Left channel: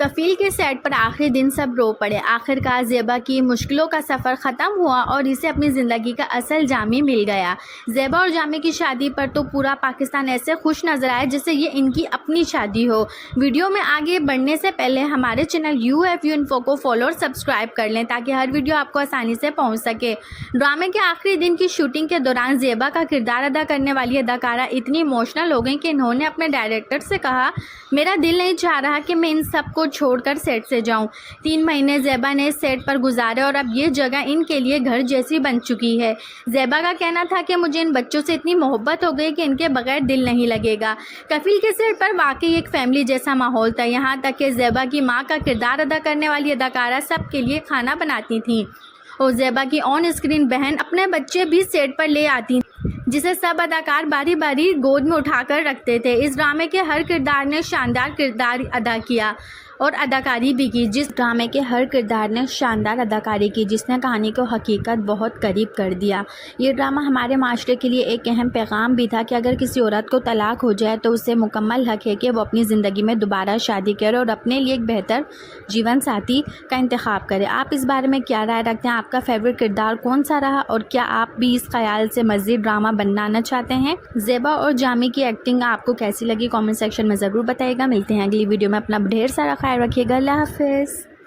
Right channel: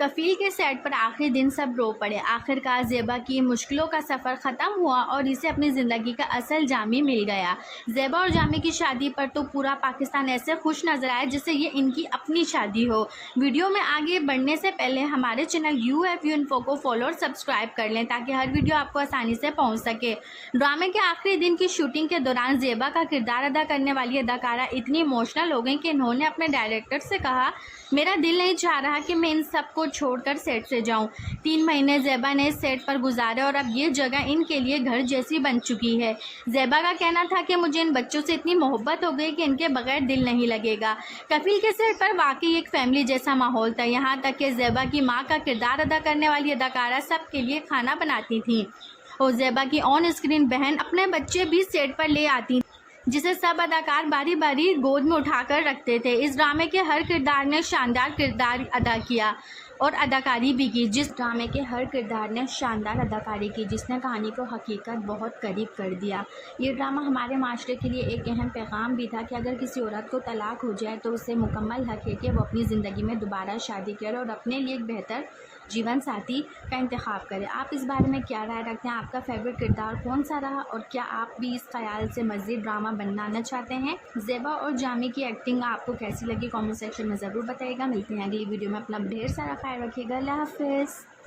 कफील के सेट पर आखिरी दिन सब रो पड़े। आखिरकार ज़ेबा की मुश्किलों का सफ़र ख़त्म हुआ और इसे अपनी ज़िंदगी का असल जामी मिल गया। ज़ेबा और जामी की शादी पर तो पूरा पाकिस्तान ऐसे खुश नज़र आया जैसे ये इनकी अपनी शादी हो। वीडियो में आगे बढ़ने से पहले हमारे चैनल UFU इन्फो को फॉलो और सब्सक्राइब कर लें ताकि हर वीडियो आपको आसानी से पहुँच सके। ड्रामे के आखिरी दिन की शूटिंग के दौरान ज़ेबा का किरदार अदा करने वाली अदाकारा इतनी इमोशनल हो गई कि इन्होंने अपने डायरेक्टर से कहा, मेरा दिल नहीं चाह रहा कि मैं इन सब को छोड़कर सेट से जाऊं। 3 महीने ज़ेबा ने इस सेट पर गुजारे और अब ये जगह इनके लिए घर जैसी बन चुकी है। ज़ेबा का कहना था कि मुझे इन बच्चों से इतनी मोहब्बत हो गई कि इनके बगैर दिल नहीं लगेगा। कफील के सेट पर वाकई एक फैमिली जैसा माहौल था, यहाँ तक कि ज़ेबा की माँ का किरदार अदा करने वाली अदाकारा सबके लिए खाना बनाती थी और ज़ेबा की ऑन स्क्रीन बहन अपने बच्चे भी सेट पर ले आती जिसे सब अदाकार बारी बारी गोद में उठाकर रखते थे। इस ड्रामे के हर किरदार ने शानदार किरदार अदा किया और अदाकारी भी की। जिसने कहानी को हकीकत बहुत करीब कर दिया। ये ड्रामा हमारे माशरे के लिए एक अहम पैगाम भी था कि अगर किसी औरत को तलाक हो जाए तो उसे मुकम्मल हक है कि वो अपनी ज़िंदगी में दोबारा शादी करे और अपने लिए एक बेहतर जीवन साथी का इंतखाब करे। आप इस बारे में क्या राय रखते हैं? आपका फेवरेट किरदार कौन सा रहा और क्या आप भी इस ख्याल से मज़ीद ड्रामा बनाना चाहते हैं? ज़ेबा और जामी की एक्टिंग आपको कैसी लगी? कमेंट सेक्शन में ज़रूर बताइएगा। मिलते हैं अगली वीडियो में। अपना ढेर सारा ख्याल रखिएगा। अल्लाह हाफ़िज़।